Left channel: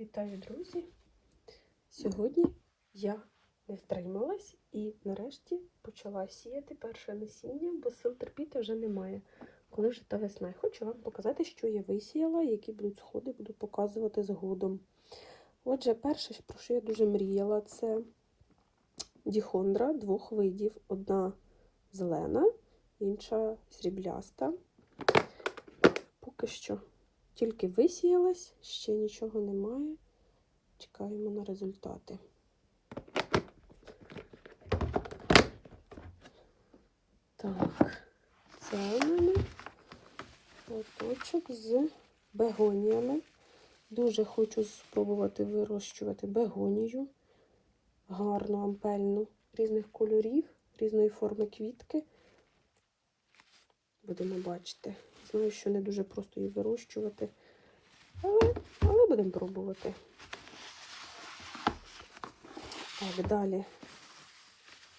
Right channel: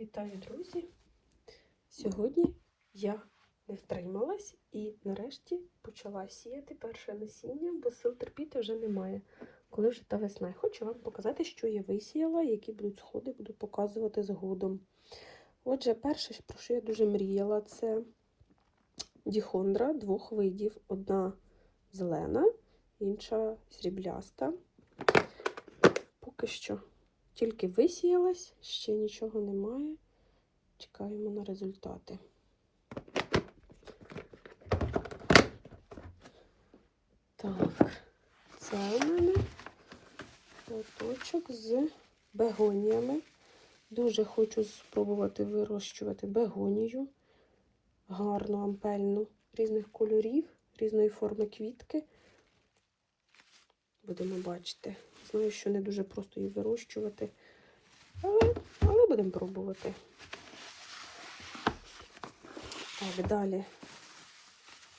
Вітаю, друзі! Сьогодні я не втрималась і нарешті почала сіяти перше насіння, бо сил терпіти вже немає, коли вже та весна. Я Хочу вам показати, що я висіяла, які будуть сходи, буду показувати згодом. Отже, перше, про що я дуже мріяла, це діхондра двох видів. Одна зелена, інша срібляста. Поки що тільки висіялась, ще нічого немає. Чекаємо на результати. Так, це у мене лоточок з бегоніями. Дуже хочу спробувати вирощувати бегонію. Гарну, ампельну, різних кольорів, різної форми квітки. Будемо бачити. Знаю, що не дуже просто її вирощувати, але, але будемо пробувати. Так, далі.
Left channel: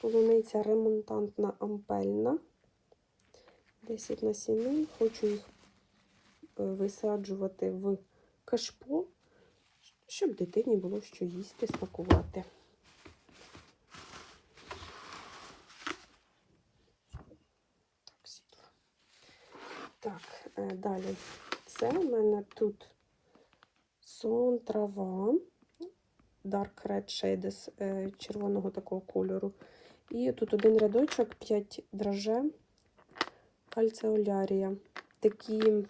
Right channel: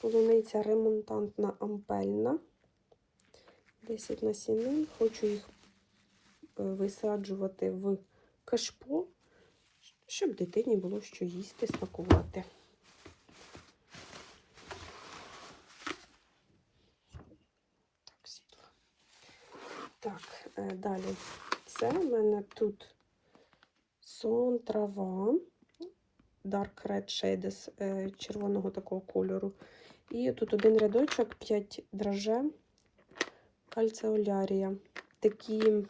Полуниця ремонтантна ампельна. 10 насінин. Хочу їх е, висаджувати в кашпо, щоб дитині було що їсти, смакувати. Так, світло. Так, е, далі. Це в мене тут сон трава, Dark Red Shades е, червоного такого кольору. І тут один рядочок, 5 драже, кальцеолярія. Такі,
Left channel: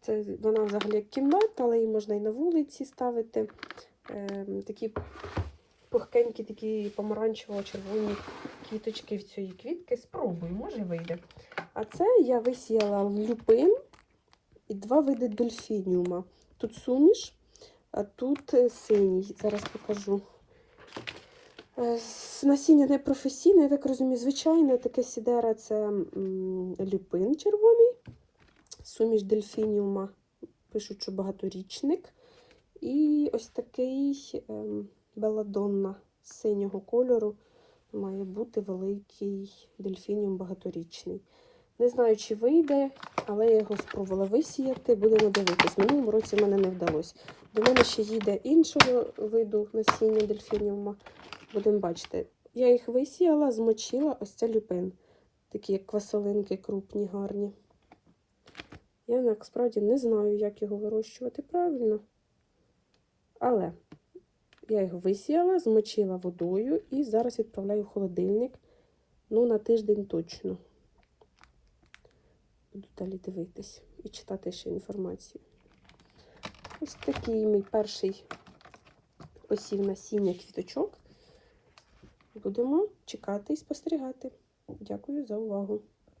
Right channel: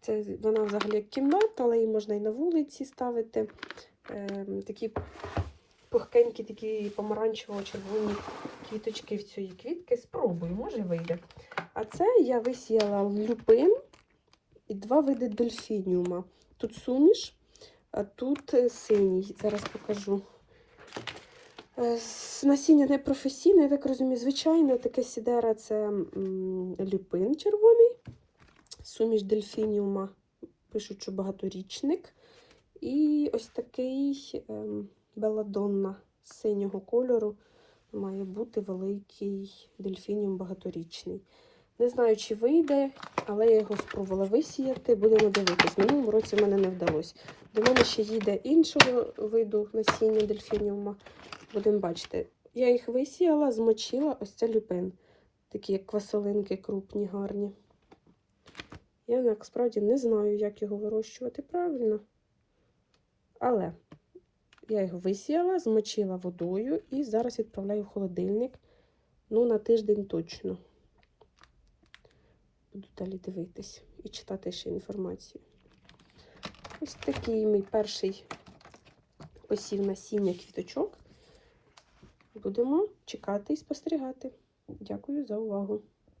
це вона взагалі як кімната, але її можна і на вулиці ставити. Е, такі пухкенькі, такі помаранчево-червоні квіточки в цієї квітки. Спробую, може вийде. А це я висіяла люпин і два види дельфініума. Тут суміш, а тут е, синій. Зараз покажу. Е, Насіння не професійне, я так розумію, звичайно, таке сідера це люпин червоний, суміш дельфініума, пишуть, що багаторічник. І ось такий ем, беладонна синього кольору має бути великий дельфініум багаторічний. Не знаю, чи вийде, але я його спробувала висіяти. Будемо дивитись. Минулому році мене не вдалося. До мене ще їде іншого виду насіння дельфініума. Будемо бачити. Я їх висіяла, змочила ось це люпин. Такі як квасолинки крупні, гарні. Я насправді не знаю, як його вирощувати правильно. Але я його висіяла, змочила водою і зараз відправляю в холодильник. Ну, на тиждень точно. Буду далі дивитись і читати ще інформацію. Ось такий мій перший посів насіння квіточок. Будемо чекати і спостерігати. Дякую за увагу.